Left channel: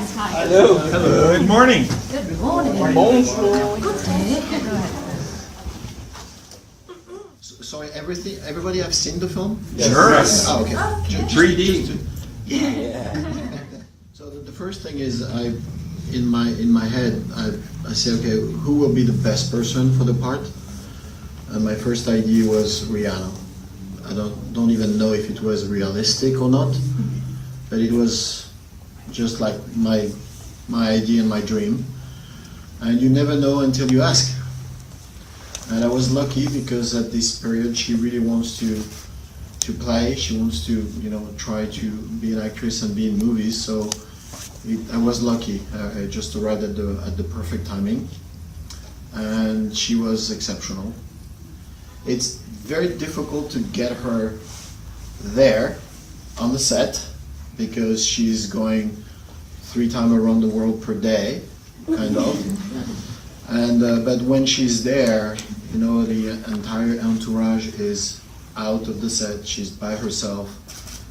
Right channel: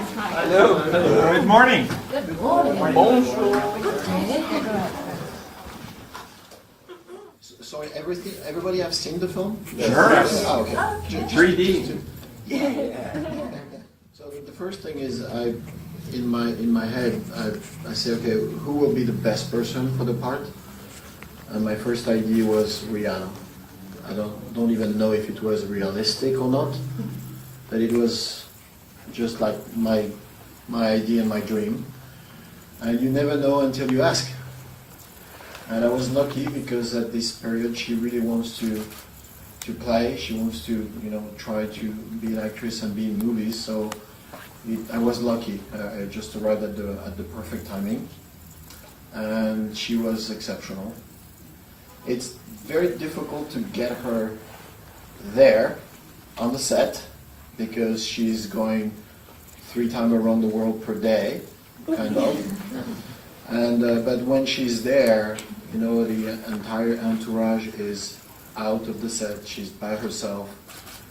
Yes, hi. Hello. Hello. Good morning. Good morning. Bonjour. Good day. Sorry, everybody have seen the film? Sure. Yes. Oh, okay. 3D. So the first thing is in my head, I say, okay, who will be the best person for the part? And my first idea was Rihanna. I don't even know if it was realistic or not, but it was just like my idea and my dream. And you never know until you ask. And I was lucky because at this period she really wants to play. She wants to try to be an actress and be in movies. So I was lucky. I just arrived at the perfect timing, and she was exceptional. It's very difficult to get her there on the set because she's going 3 times around the world per day, kind of. And but when she's there, the entire entourage is out of the set. She's by herself.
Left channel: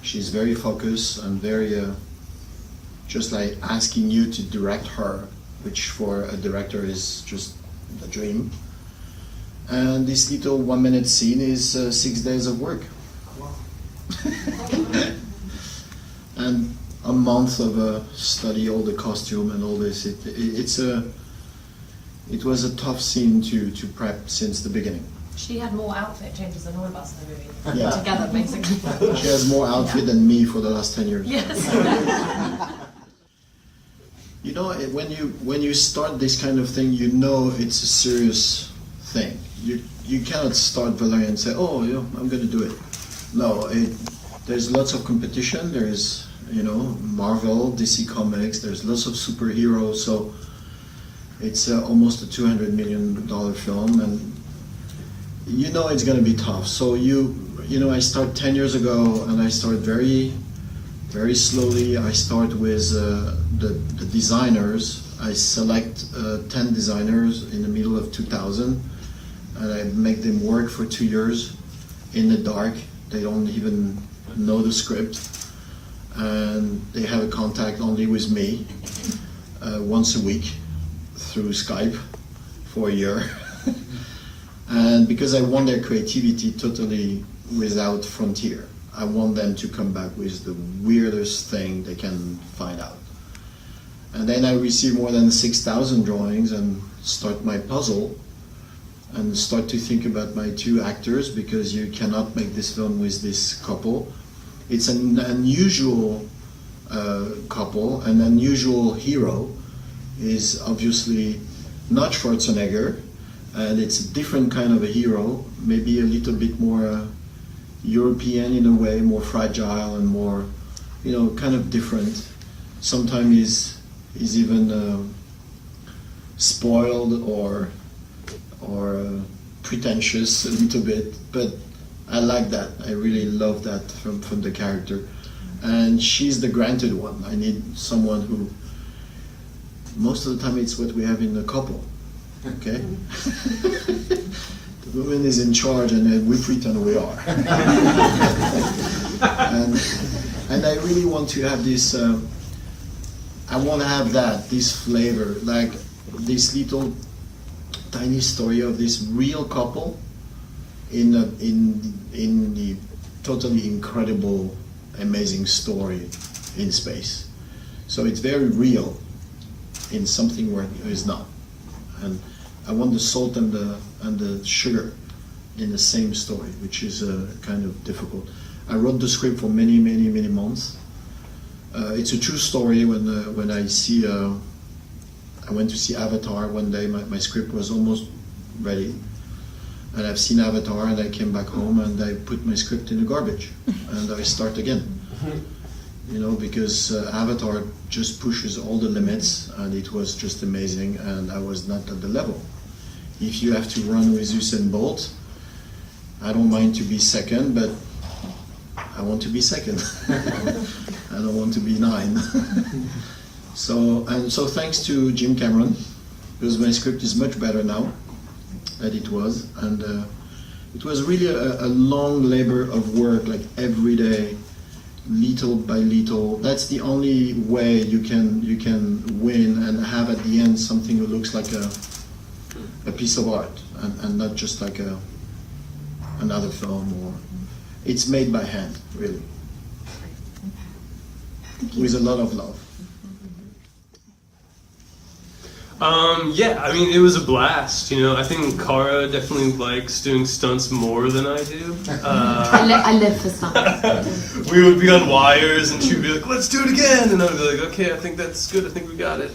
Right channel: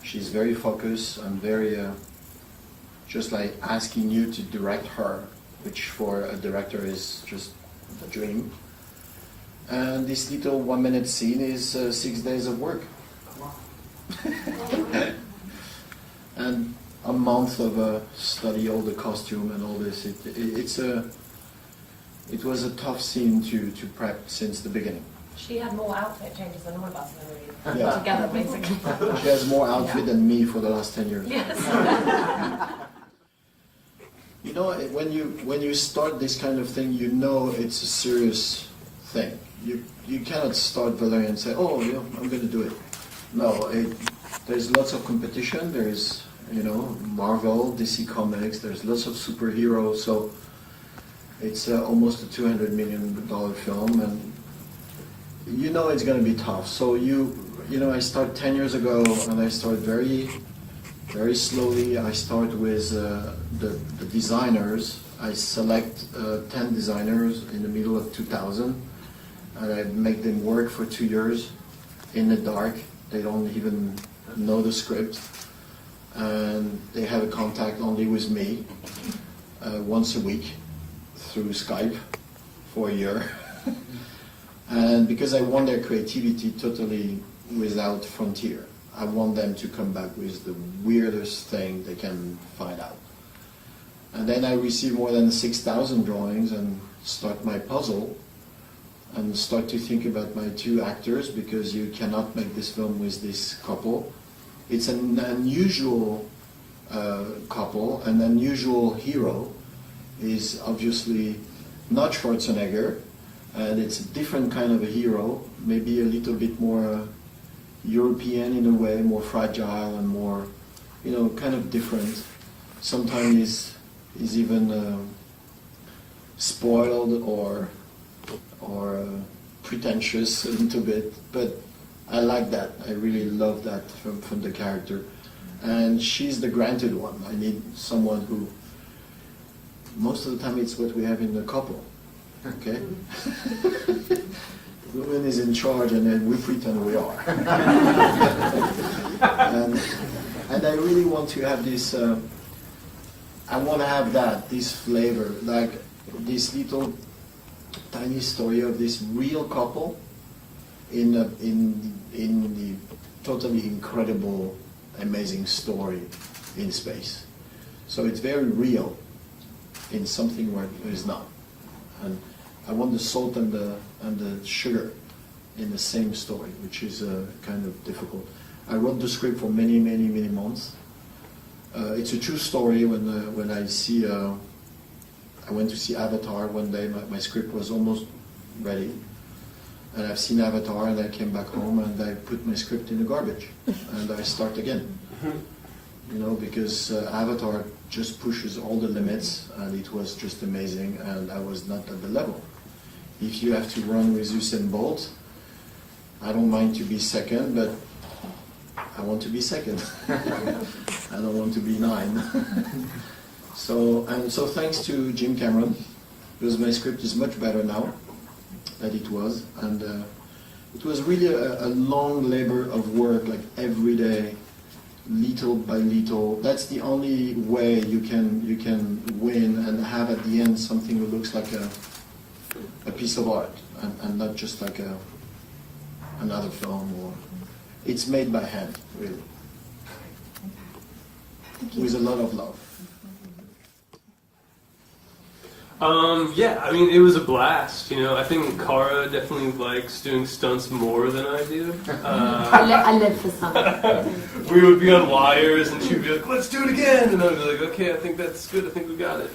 She's very focused and very just like asking you to direct her, which for a director is just a dream. And this little 1-minute scene is 6 days of work. And a month of study all the costume and all this. It was a tough scene to prep since the beginning. She had more outfit changes than all of us in the movie. Yeah. Together, basically. She has more outfit than me for the last 10 years. Yes. When you start this kind of thing, it's a serious thing. You cannot start Valerian and say, oh, yeah, I'm going to do it. No, there's lots of competition. There is, Marvel, DC Comics. There's lots of superheroes. So it's almost a $200 million film, and it's going to be tough. So I start 10 years ago, and I start very, very slowly. I start with the designers. I select 10 designers in the middle of 2000, and I make them work for 2 years in the dark. They don't even know the script, and they have a contact only with me once a week through Skype for a year. And because I want their creativity totally without frontier, I want them to come back with the weirdest thing they can find out. And then I receive more than 6,000 drawings and start my puzzle and start to think about my 2 actors, because you cannot make this film with this couple. It's an unusual couple. An unusual hero is obviously not Schwarzenegger, and it's a different kind of a hero, maybe a little bit more European in a way, more fragile and more, kind of different. Sometimes he's even spoiled or pretentious a little bit, but I like that. I really love that from the character. And she's the granted one. I need someone who, most of the time it's what we have in the couple, okay? The woman is in charge and then we pretend we are. and I really want to have this, I want to have this flavor, like this little tiny story of this real couple in the totally incredible, amazing story in space. So it's very real in something where it is not. And I want the salt and the sugar in the same story, which is kind of difficult. I wrote the script for many, many, many months. It's a true story. When I went to see Avatar one day, my script was almost ready. And I've seen Avatar, and I came back home and I put my script in the garbage, and I start again. Because Avatar just pushes all the limits, and it was just amazing, and I was not at the level. If you have to run with Usain Bolt, I don't mind to be second, but I want to be second. I don't want to be 9. So thanks to Jim Cameron, because my script is much better now than it was, and it was really a long labor of work, like every day, little by little. That's the only way you can win and have at the end something that looks like a piece of art and not just like another film. Or it's made by hand, really, with a lot of love. Yeah, I mean, it was a blast, you know. I think Cara definitely likes doing stunts more than I do. I live for stunts. We would be on wires, and she'd be like, let's do it again! And I'd be like, okay, I think that's good, I think we got it.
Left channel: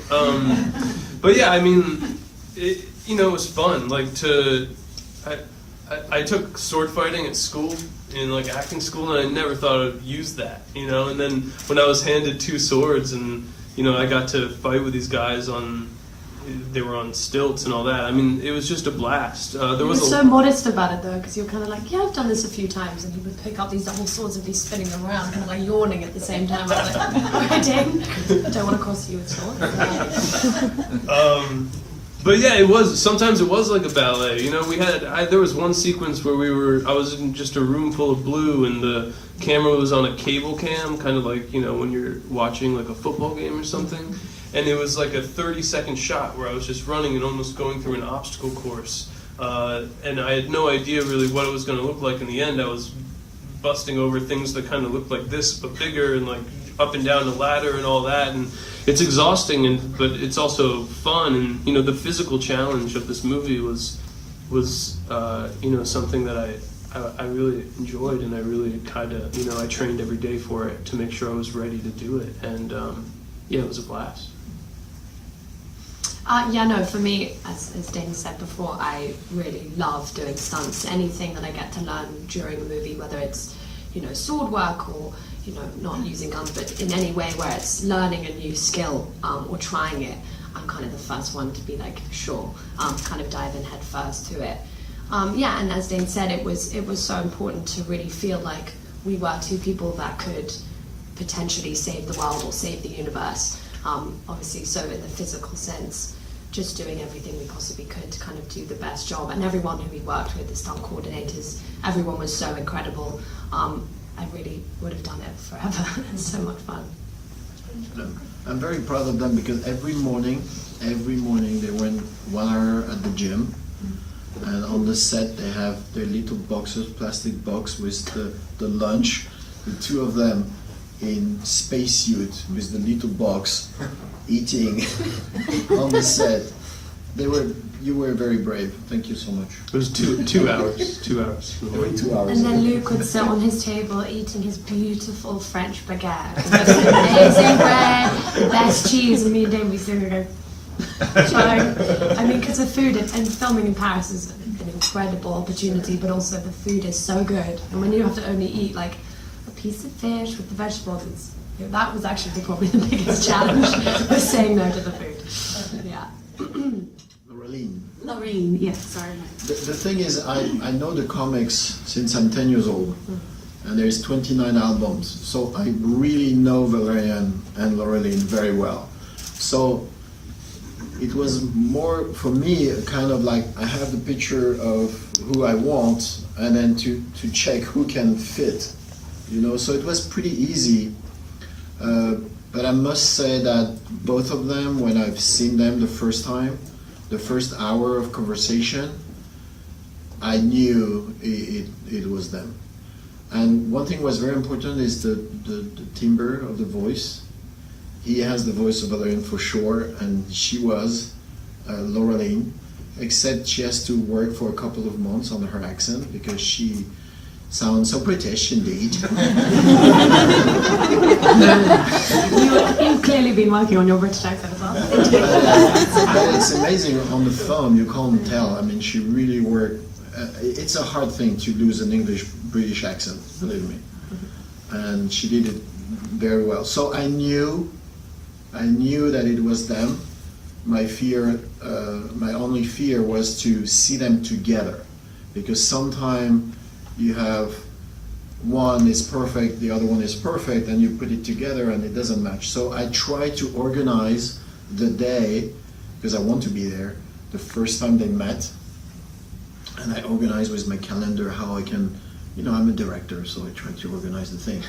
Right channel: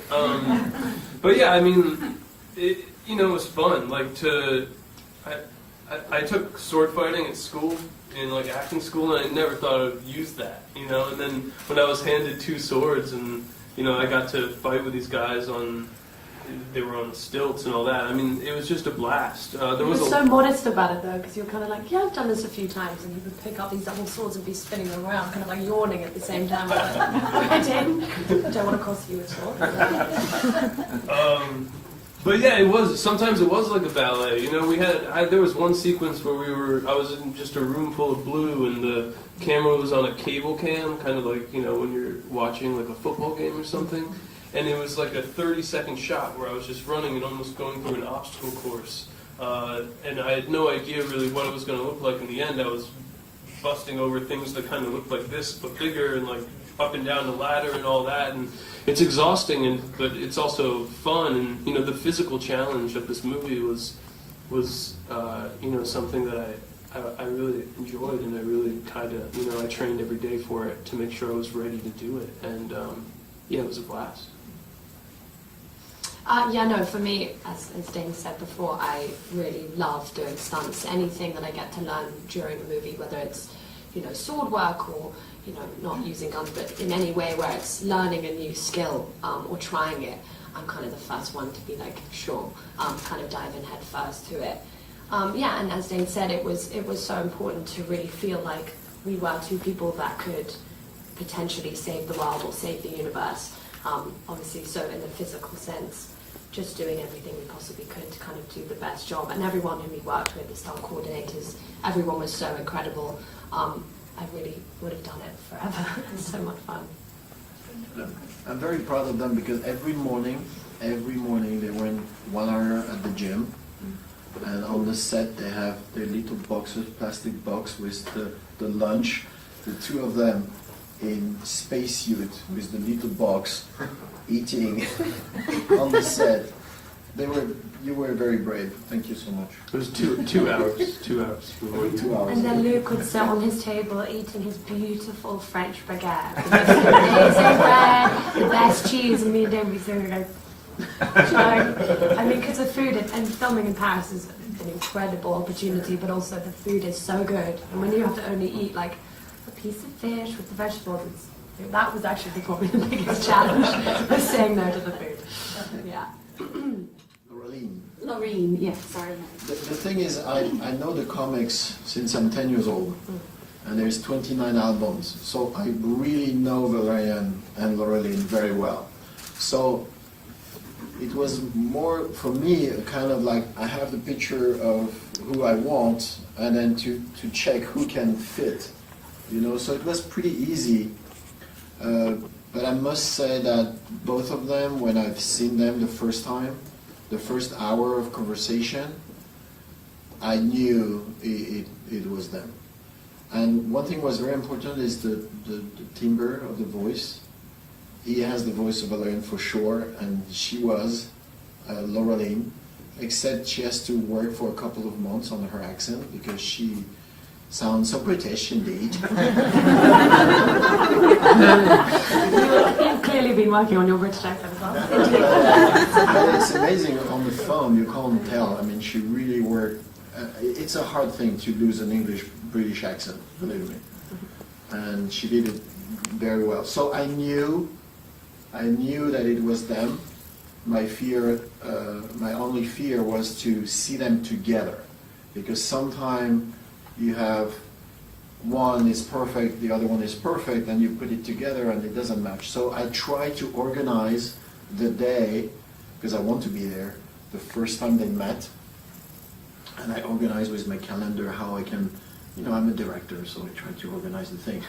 But yeah, I mean, it was fun. Like, I took sword fighting at school, in like acting school, and I never thought I'd use that, you know. And then when I was handed 2 swords, and, you know, I got to fight with these guys they were on stilts and all that. I mean, it was just a blast. You were so modest about it though, because you were kind of like, yeah, I've done this a few times, and he would pick up these double swords and be spinning them around, kind of like yawning at the same time. I was like, I don't want to cross you at all. But yeah, sometimes it was like a ballet. You know, there was one sequence where I was in just a room full of blue, and the camera was on a cable cam, kind of like, you know, when you're watching like a football game or something. And it was like a 30-second shot where I was just running and almost going through an obstacle course. And I had no idea really what it was going to look like in the end. I was busting over things that kind of looked like this, but bigger, and like up and down the ladder and all that. And it's exhausting, but it's also fun. And, you know, the physical challenge of this movie was you know, something that I really enjoyed, and I really I trained every day for it to make sure I was ready to do it. And yeah, it was a blast. Yeah, no, for me, as Dane said before, I really love doing stunts. Anything that I get to learn during a movie, whether it's, you know, sword work or, you know, not using guns, but in any way where it's learning a new skill or trying it, I'm kind of the first one to be like, sure, kind of dive in head first to it. Yeah, and as Dane said, it was so important to really feel like we were 2 people that could potentially save the world or save the universe. Obviously, so in the physical sense, just doing everything we possibly could to kind of do the best job. And everyone who we worked with, the stunt coordinators, everyone was so incredible. I really would have done it forever. It's so much fun. I'm very proud of them because every morning they went 1 hour at the gym, and on the set they have their little boxes, plastic box with the lunch, the 2 of them in spacesuit with the little box eating on the set. You were very brave. Thank you so much. It was 2 hours. 2 hours. 2 hours. And then Luc would sit on his table eating his beautiful French baguette. The most amazing bread, the best cheese, and me and Dane would be sitting there going, so, I mean, because the food and filming in Paris is an incredible opportunity, but also the food is so good. And when you have to only eat like a piece of fish with the vegetables, that was actually probably the biggest challenge, was saying no to the food. Yeah. Lorraine, yeah, sorry. The thing is, I know the comics since I'm 10 years old, and there's 29 albums, so I really know Valerian and Lorraine very well. So it was more, for me, kind of like I have the picture of who I want, and then to check who can fit, you know, so it was pretty easy. But I must say that both of them, when I've seen them the first time, the first hour of conversation, I knew it was them. And one thing was very important is the timbre of the voice. He has the voice of Valerian for sure, and she was Laureline, except she has to work for a couple of months on her accent because she sounds so British indeed. You've clearly been working on your British accent as well. But it's amazing on the film, you can't tell. I mean, she really worked. It's a hard thing to lose an English-British accent, believe me. And she did it very well. So I knew that it was them. My only fear was to see them together, because sometimes you have one is perfect, the other one is perfect, and you put it together and it doesn't match. So I try to organize the day, because I want to be there, the first time they met, and I organize with my calendar how I can, you know, I'm a director, so I try to organize the thing.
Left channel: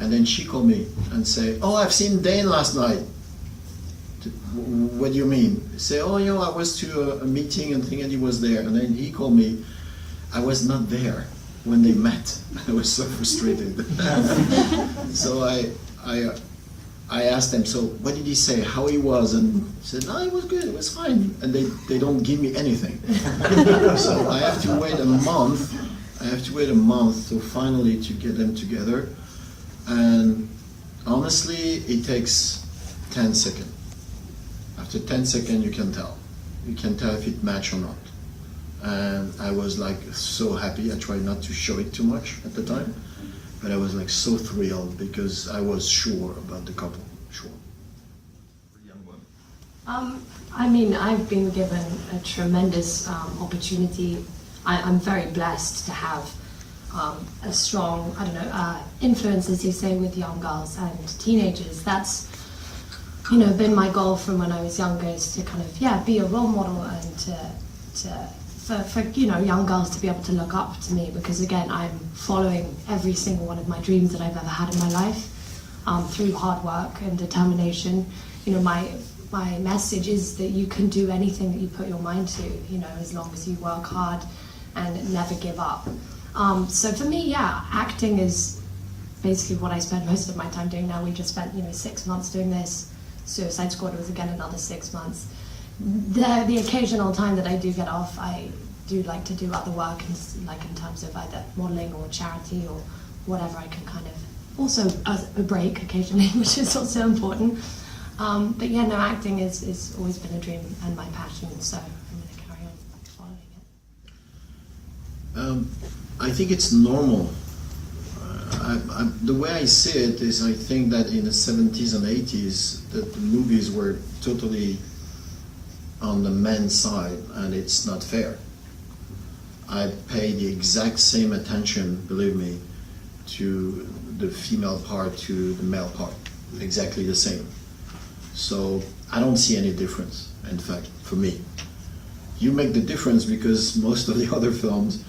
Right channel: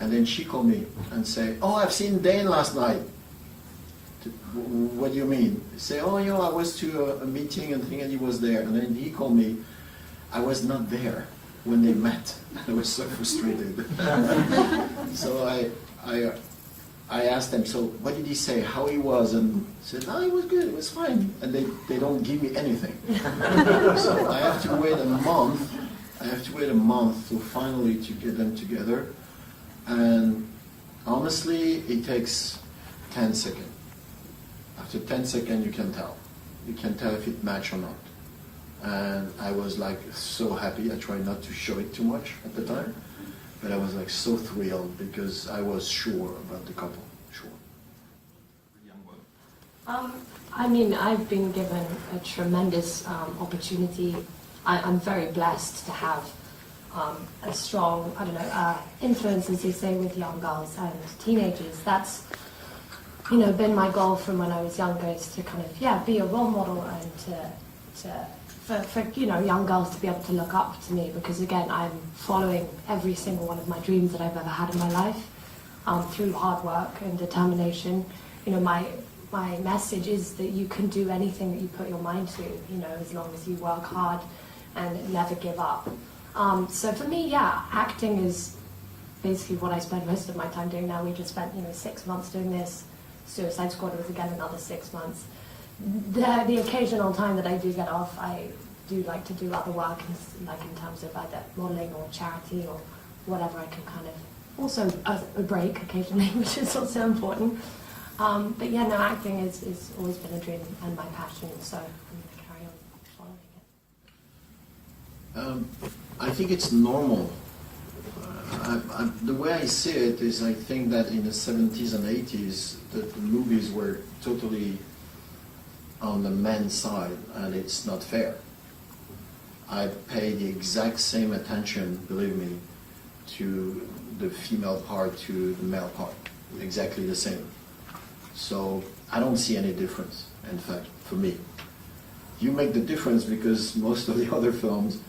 And then she called me and say, "Oh, I've seen Dane last night." What do you mean? Say, "Oh, I was to a meeting and he was there." And then he called me. I was not there when they met. I was so frustrated. So I asked them, "So what did he say? How he was?" And he said, "No, he was good. It was fine." And they don't give me anything. So I have to wait a month. To finally to get them together. And honestly, it takes 10 seconds. After 10 seconds, you can tell. You can tell if it match or not. And I was like so happy. I tried not to show it too much at the time, but I was like so thrilled because I was sure about the couple. Sure. I mean, I've been given a tremendous opportunity. I'm very blessed to have a strong, influence, as you say, with young girls and teenagers. That's, been my goal from when I was younger, is to kind of, be a role model and for young girls to be able to look up to me, because again, I'm following every single one of my dreams that I've ever had in my life through hard work and determination. My message is that you can do anything that you put your mind to, as long as you work hard and never give up. So for me, acting is basically what I spend most of my time doing now. We just spent 6 months doing this. Suicide Squad was again another 6 months. The occasional time that I do get off, I do like to do other work, in terms of either modelling or charity or whatever. I can kind of also a break occasionally, which is also important. But acting is always been a dream and my passion, so I'm going to carry on following it. I think it's normal. The way I see it is, I think that in the 70s and 80s, that the movies were totally on the men's side, and it's not fair. I pay the exact same attention, believe me, to the female part, to the male part, exactly the same. So I don't see any difference, in fact, for me. You make the difference because most of the other films,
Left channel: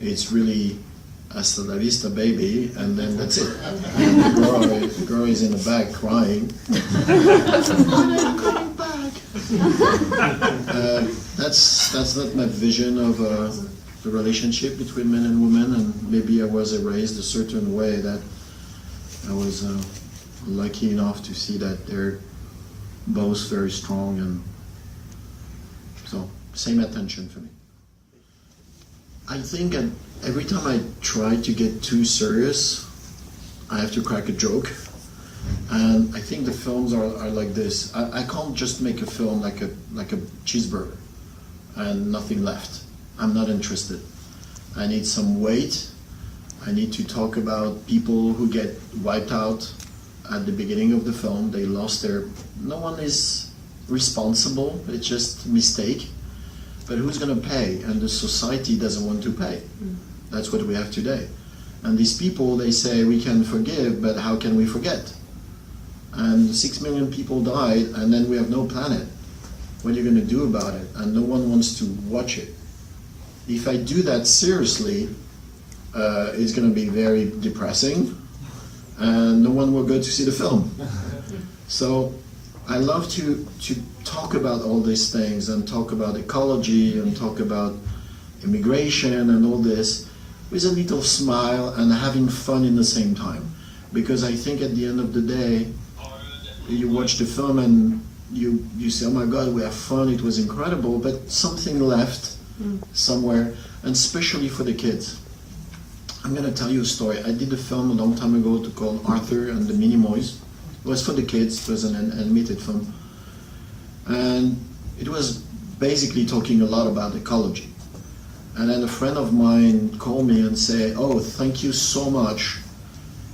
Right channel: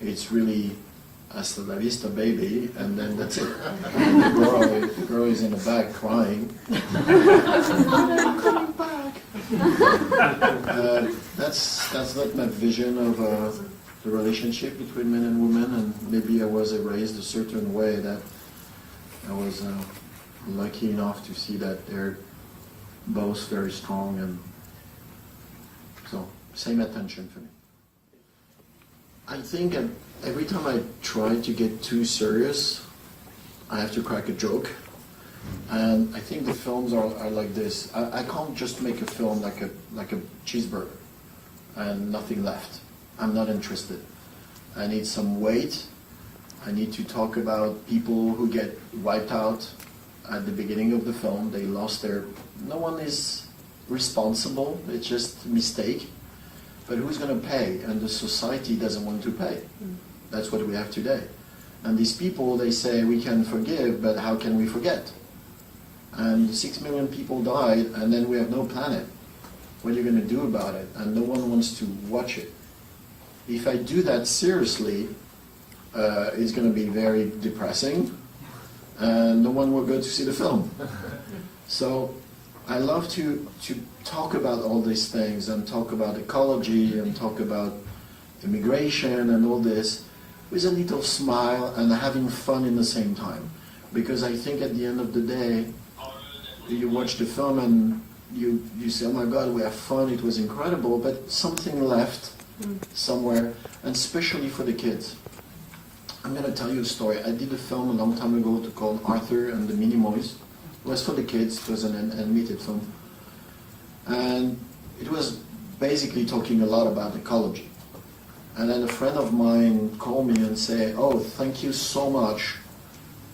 it's really hasta la vista, baby, and then that's it. The girl is in the back crying. I'm coming back. That's not my vision of the relationship between men and women, and maybe I was raised a certain way that I was lucky enough to see that they're both very strong, and so same attention for me. I think every time I try to get too serious, I have to crack a joke. And I think the films are like this. I can't just make a film like a cheeseburger and nothing left. I'm not interested. I need some weight. I need to talk about people who get wiped out at the beginning of the film. They lost their... No one is responsible. It's just a mistake. But who's going to pay? And the society doesn't want to pay. That's what we have today. And these people, they say, we can forgive, but how can we forget? And 6 million people died, and then we have no planet. What are you going to do about it? And no one wants to watch it. If I do that seriously, it's going to be very depressing, and no one will go to see the film. So I love to talk about all these things, and talk about ecology, and talk about immigration and all this, with a little smile and having fun in the same time. Because I think at the end of the day, you watch the film and you say, oh my God, we have fun, it was incredible, but something left somewhere, and especially for the kids. I'm going to tell you a story. I did a film a long time ago called Arthur and the Minimoys. It was for the kids, it was an animated film. And it was basically talking a lot about ecology. And then a friend of mine called me and said, oh, thank you so much.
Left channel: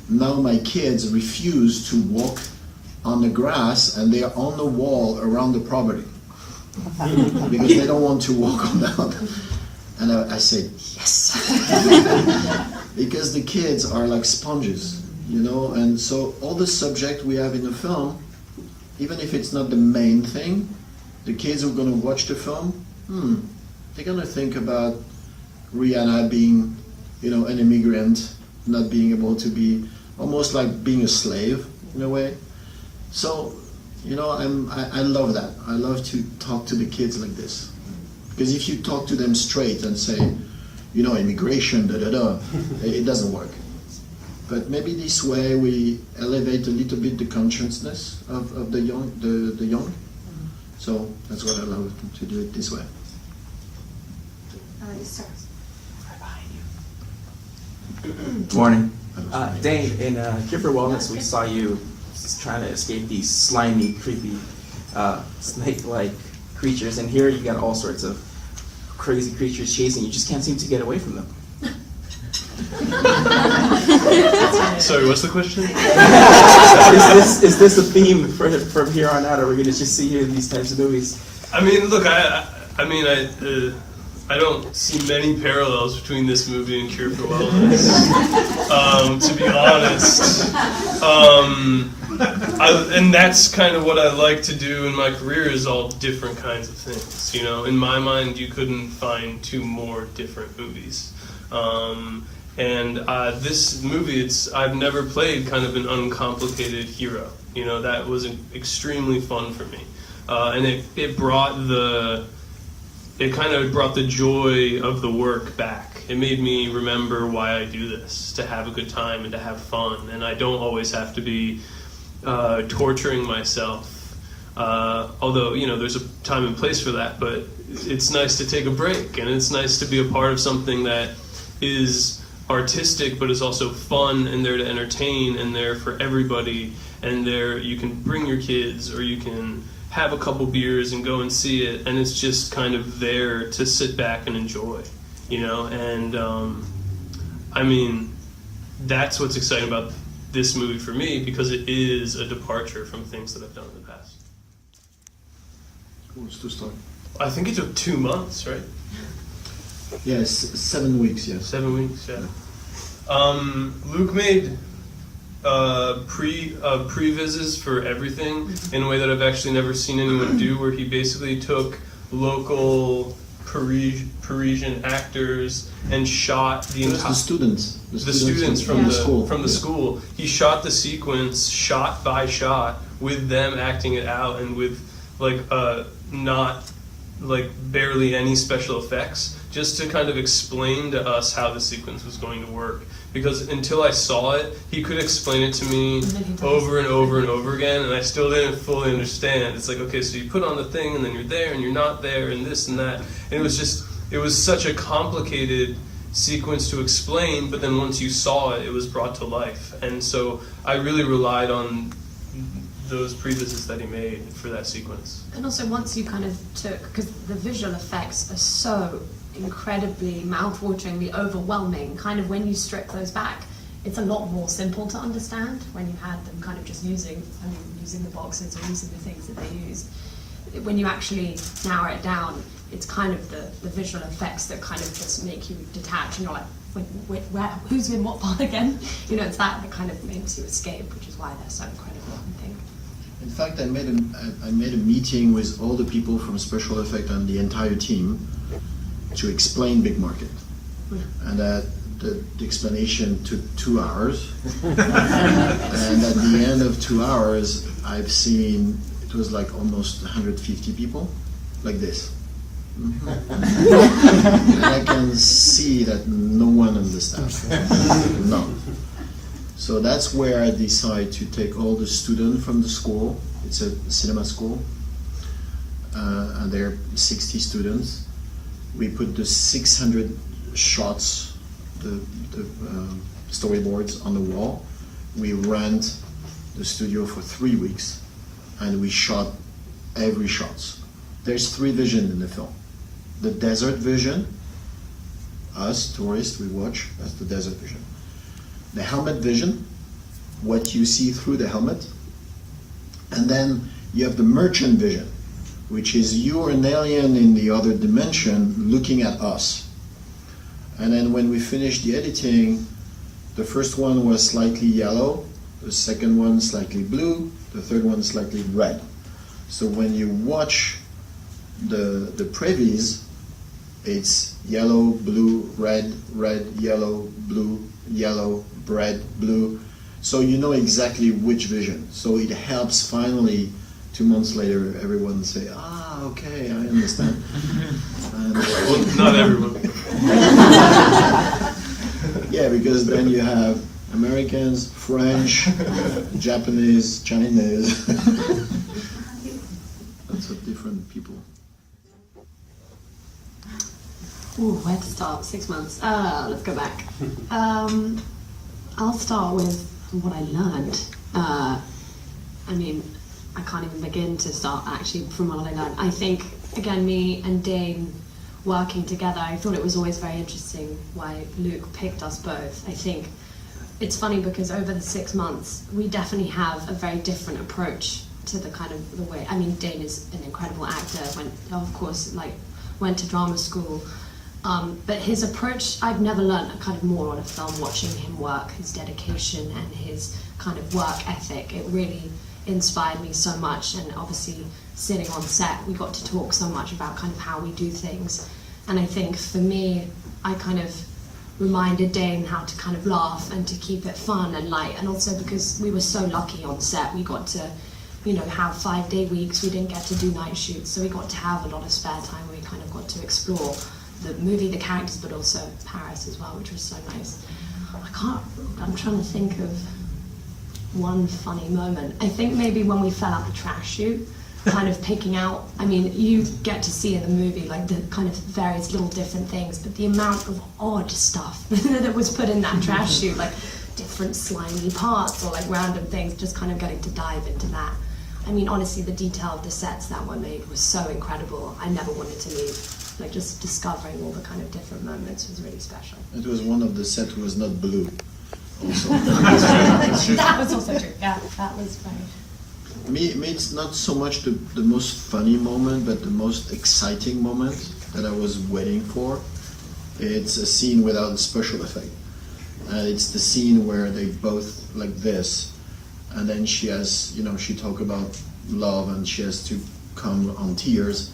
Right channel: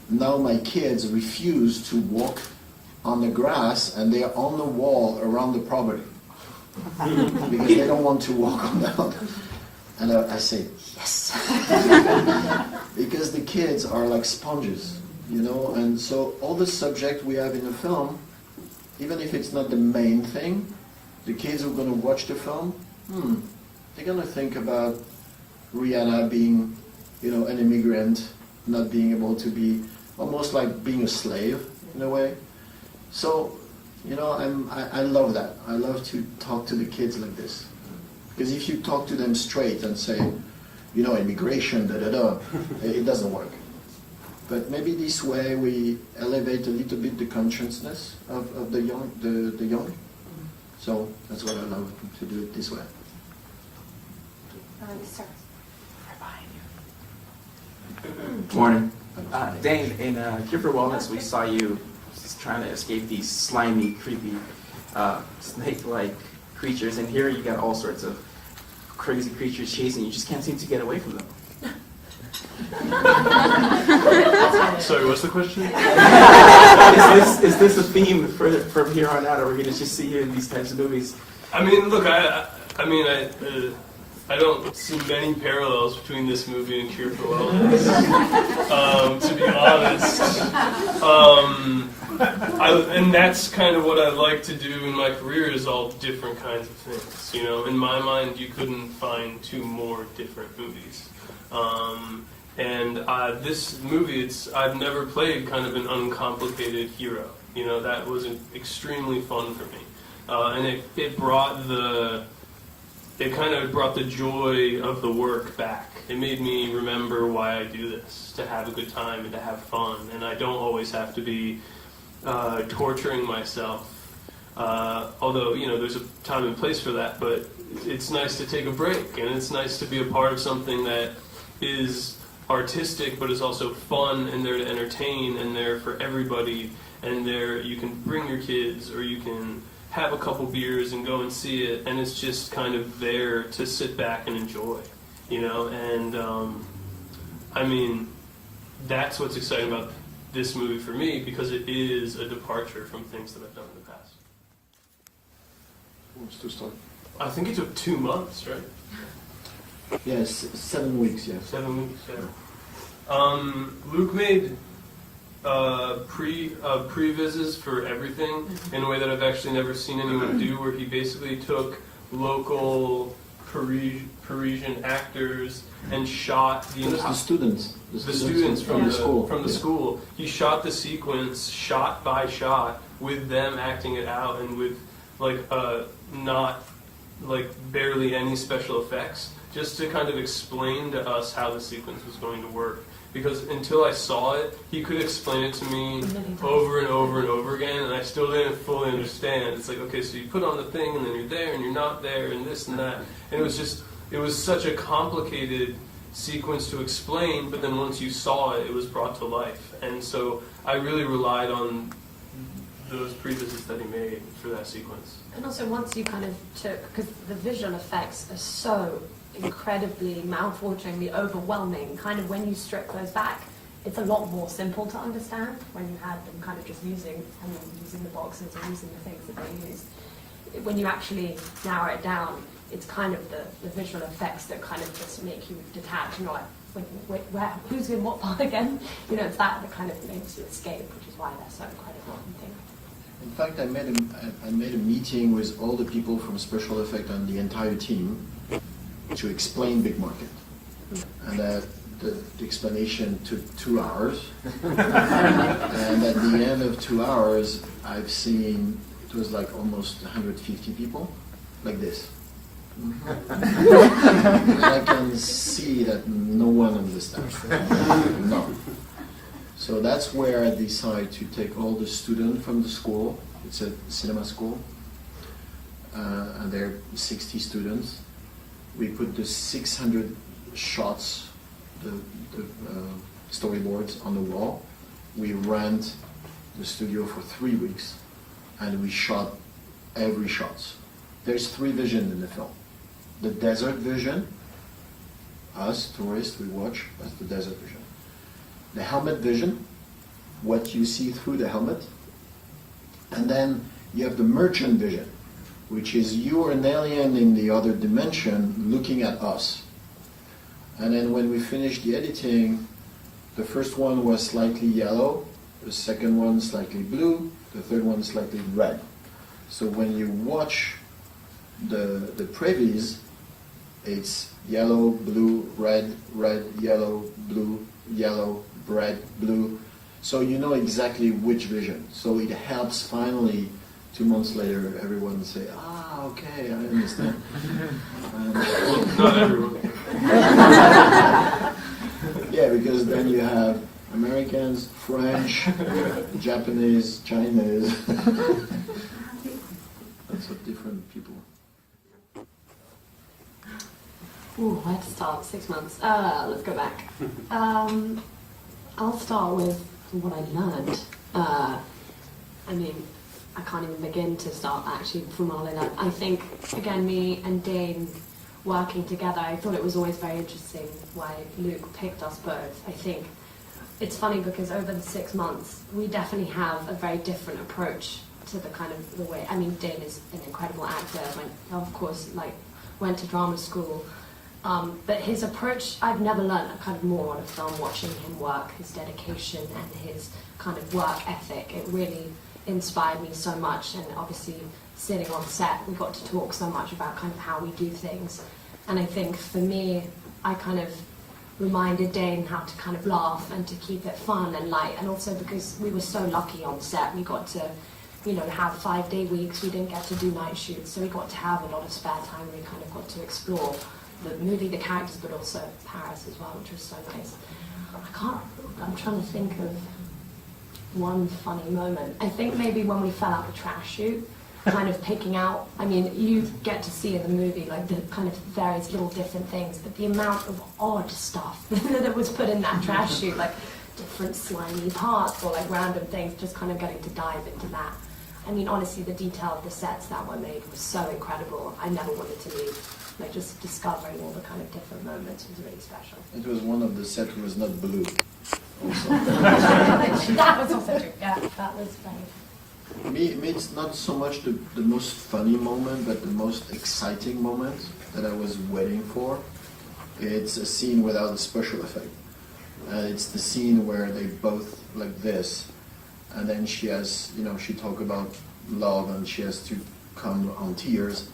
Now my kids refuse to walk on the grass, and they are on the wall around the property because they don't want to walk on that. And I said, yes. Because the kids are like sponges, and so all the subject we have in the film, even if it's not the main thing, the kids who are going to watch the film, they're going to think about Rihanna being, an immigrant, not being able to be almost like being a slave in a way. So, you know, I love that. I love to talk to the kids like this. Because if you talk to them straight and say, you know, immigration, it doesn't work. But maybe this way we elevate a little bit the consciousness of the young. The young. So that's what I love to do it this way. Yes, sir. Right behind you. Morning. Dane, in Cure for Wellness, we saw you trying to escape these slimy, creepy, snake-like creatures, and here you got all sorts of crazy creatures chasing you. You just can't seem to get away from them. Sorry, what's the question? Is this a theme from here on out? Are we going to just see you in these types of movies? I mean, look, I don't see many parallels between this movie and Cure for Wellness. To be honest, and that's kind of what I like to do in my career, is all different kinds of things. You know, in my mind, you couldn't find two more different movies. This movie, I've never played kind of an uncomplicated hero. You know, that was extremely fun for me, and it kind of brought the joy of the work back. It made me remember why I do this, to have a good time and to have fun, and I don't always have to be torturing myself. Although, you know, there's a time and place for that, but it's nice to take a break, and it's nice to be a part of something that is artistic but is also fun and there to entertain and there for everybody, and there you can bring your kids or you can have a couple beers and go and see it, and it's just kind of there to sit back and enjoy, you know. And I mean, that's what's exciting about this movie for me, because it is a departure from things that I've done in the past. Who wants to start? I think it took 2 months, right? Yes, 7 weeks, yes. 7 weeks, yeah. Luc made pre-vises for everything in a way that I've actually never seen anyone do, where he basically took local Parisian actors and shot the entire... The students from the school. He shot the sequence shot by shot with them acting it out, and with barely any special effects, just to kind of explain to us how the sequence was going to work. Because until I saw it, he could explain it to me over and over and over again, and I still didn't fully understand. It's like, okay, so you put on the thing, and then you're there, and you're not there, and this and that. And it was such a complicated sequence to explain, but then once you saw it, it was brought to life. And so I really relied on those previses that he made for that sequence. And also, once you kind of took, because the visual effects are so incredibly mouth-wateringly overwhelming, kind of when you strip those back, it's a lot more simple to understand when you had them kind of just using the boxes or using the things that they use. When you actually narrow it down, it's kind of the visual effects that kind of just make you detach, and you're like, wait, who's in what part again? You know, it's that kind of makes you escape, which is why they're so incredible, I think. In fact, I made a meeting with all the people from special effect and the entire team to explain Big Market, and the explanation took 2 hours. And at the end of 2 hours, I've seen it was like almost 150 people, like this. And I can see that no one understands. No. So that's where I decided to take all the students from the school. It's a cinema school, and there are 60 students. We put the 600 shots, the storyboards on the wall. We rent the studio for 3 weeks, and we shot every shot. There's 3 visions in the film. The desert vision, us tourists, we watch, that's the desert vision. The helmet vision, what you see through the helmet. And then you have the merchant vision, which is you're an alien in the other dimension looking at us. And then when we finished the editing, the first one was slightly yellow, the second one slightly blue, the third one slightly red. So when you watch the previews, it's yellow, blue, red, red, yellow, blue, red, blue. So you know exactly which vision. So it helps finally, 2 months later, everyone say, okay, I understand. And, Not everyone. yeah, because then you have Americans, French, Japanese, Chinese. Lots of different people. Ooh, where to start? 6 months. Let's go back. I'll start with what I learned. I mean, I can't even begin to start actually from what I learned. I think, again, me and Dane working together, I thought it was always very interesting why Luc picked us both. I think it's funny because over the 6 months, we definitely have a very different approach to the kind of the way. I mean, Dane is an incredible actor. Went to drama school. But his approach, I've never learned kind of more on a film watching him work, his dedication and his kind of work ethic. It really inspired me so much, and obviously sitting on set, we got to talk so much about kind of how we do things. And I think for me, I kind of reminded Dane how to kind of laugh and to keep it fun and light, and also because we were so lucky on set, we got to, you know, have 5-day weeks, we didn't get to do night shoots, so we got to have a lot of spare time, we kind of got to explore the movie, the characters, but also Paris as well, which was so nice. I'm trying to think of one funny moment. I think maybe when we fell out the trash chute, kind of picking out, I mean, you get to see in the movie like the kind of various little different things, but the amount of odd stuff that was put in that trash chute, like different slimy parts or like random things, just kind of getting to dive into that. I mean, honestly, the detail of the sets that were made was so incredible. I never wanted to leave. Like, just discovering all the kind of different moments was really special. It was one of the sets was not blue. Also. That was also true. Yeah, that was very. Me, it's not so much the most funny moment, but the most exciting moment that I was waiting for. It's a scene without a special effect. It's the scene where they both like this, and then she has, you know, she talk about love, and she has to come on tears.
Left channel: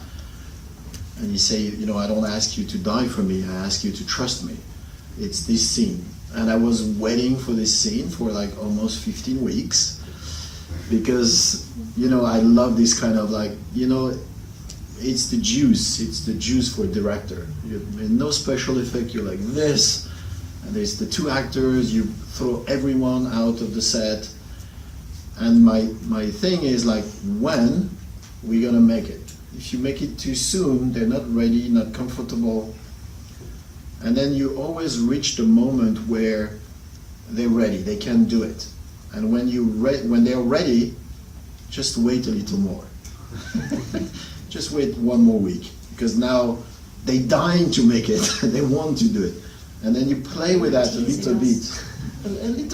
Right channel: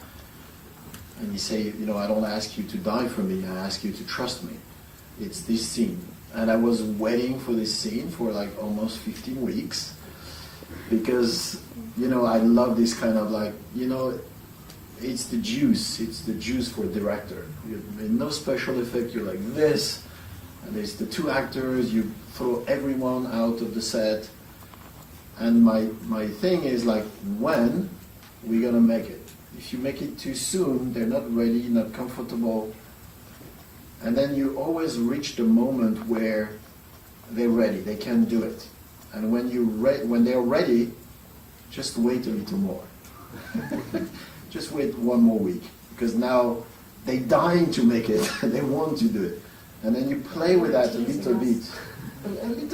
And you say, you know, I don't ask you to die for me, I ask you to trust me. It's this scene. And I was waiting for this scene for like almost 15 weeks because, you know, I love this kind of like, you know, it's the juice for a director. No special effect, you're like this, and there's the two actors, you throw everyone out of the set. And my thing is like, when we're gonna make it? If you make it too soon, they're not ready, not comfortable. And then you always reach the moment where they're ready, they can do it. And when they're ready, just wait a little more. Just wait 1 more week, because now they're dying to make it, they want to do it. And then you play with that a little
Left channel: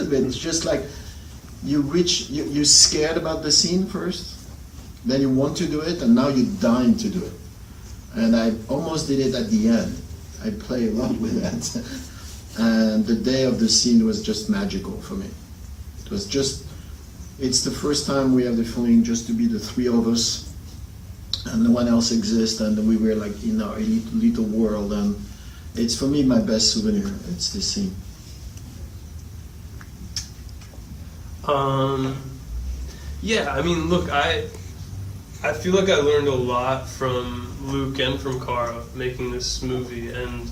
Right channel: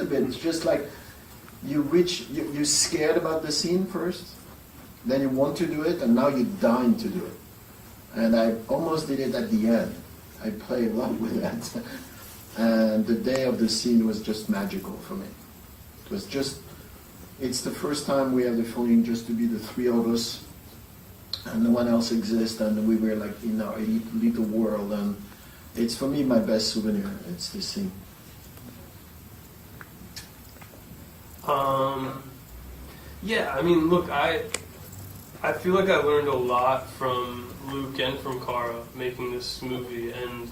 bit, just like you're scared about the scene first, then you want to do it, and now you're dying to do it. And I almost did it at the end. I play a lot with that. And the day of the scene was just magical for me. It's the first time we have the feeling just to be the three of us, and no one else exists, and we were like in our little world, and it's for me my best souvenir, it's this scene. Yeah, I mean, look, I feel like I learned a lot from Luc and from Cara making this movie, and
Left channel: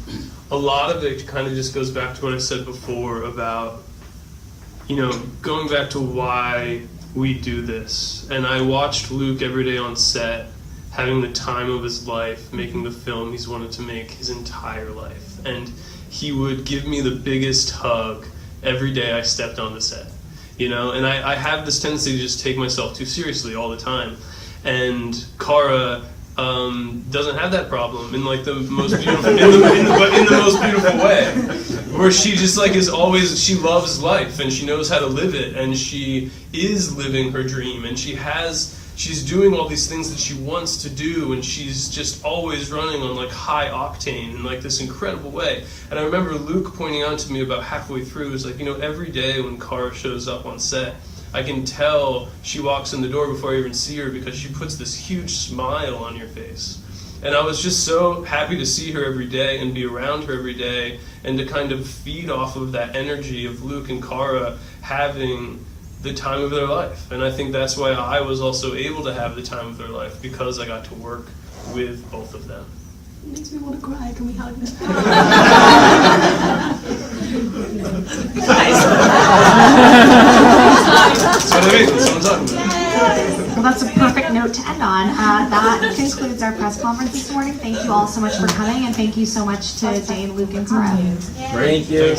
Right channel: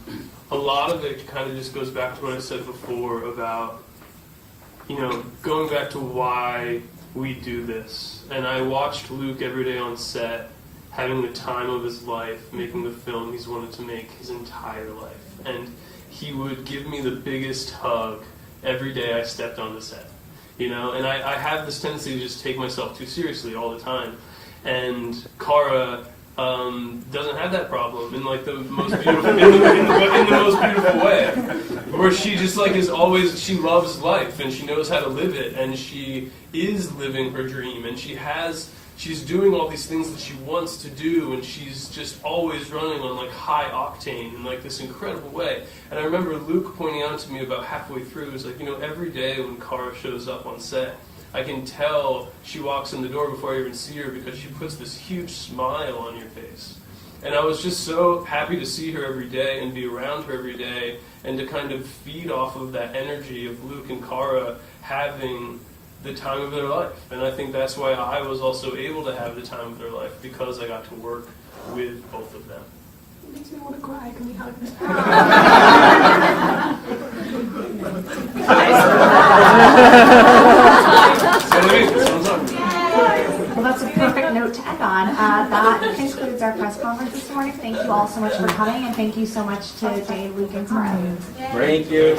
a lot of it kind of just goes back to what I said before about, you know, going back to why we do this. And I watched Luc every day on set, having the time of his life, making the film he's wanted to make his entire life. And he would give me the biggest hug every day I stepped on the set. You know, and I have this tendency to just take myself too seriously all the time. And Cara doesn't have that problem in like the most beautiful, in the most beautiful way, where she just like is always, she loves life and she knows how to live it, and she is living her dream, and she's doing all these things that she wants to do, and she's just always running on like high octane in like this incredible way. And I remember Luc pointing out to me about halfway through, it was like, you know, every day when Cara shows up on set, I can tell she walks in the door before I even see her, because she puts this huge smile on your face. And I was just so happy to see her every day and be around her every day and to kind of feed off of that energy of Luc and Cara having the time of their life. And I think that's why I was also able to have the time of their life, because I got to work with both of them. It makes me want to cry. Can we hug them? That's what I mean. That's what I'm talking about. Well, that's a perfect note to end on. That concludes our press conference this morning. Thank you all so much for coming, and thank you so much to Dane, Luc, and Cara. Thank you.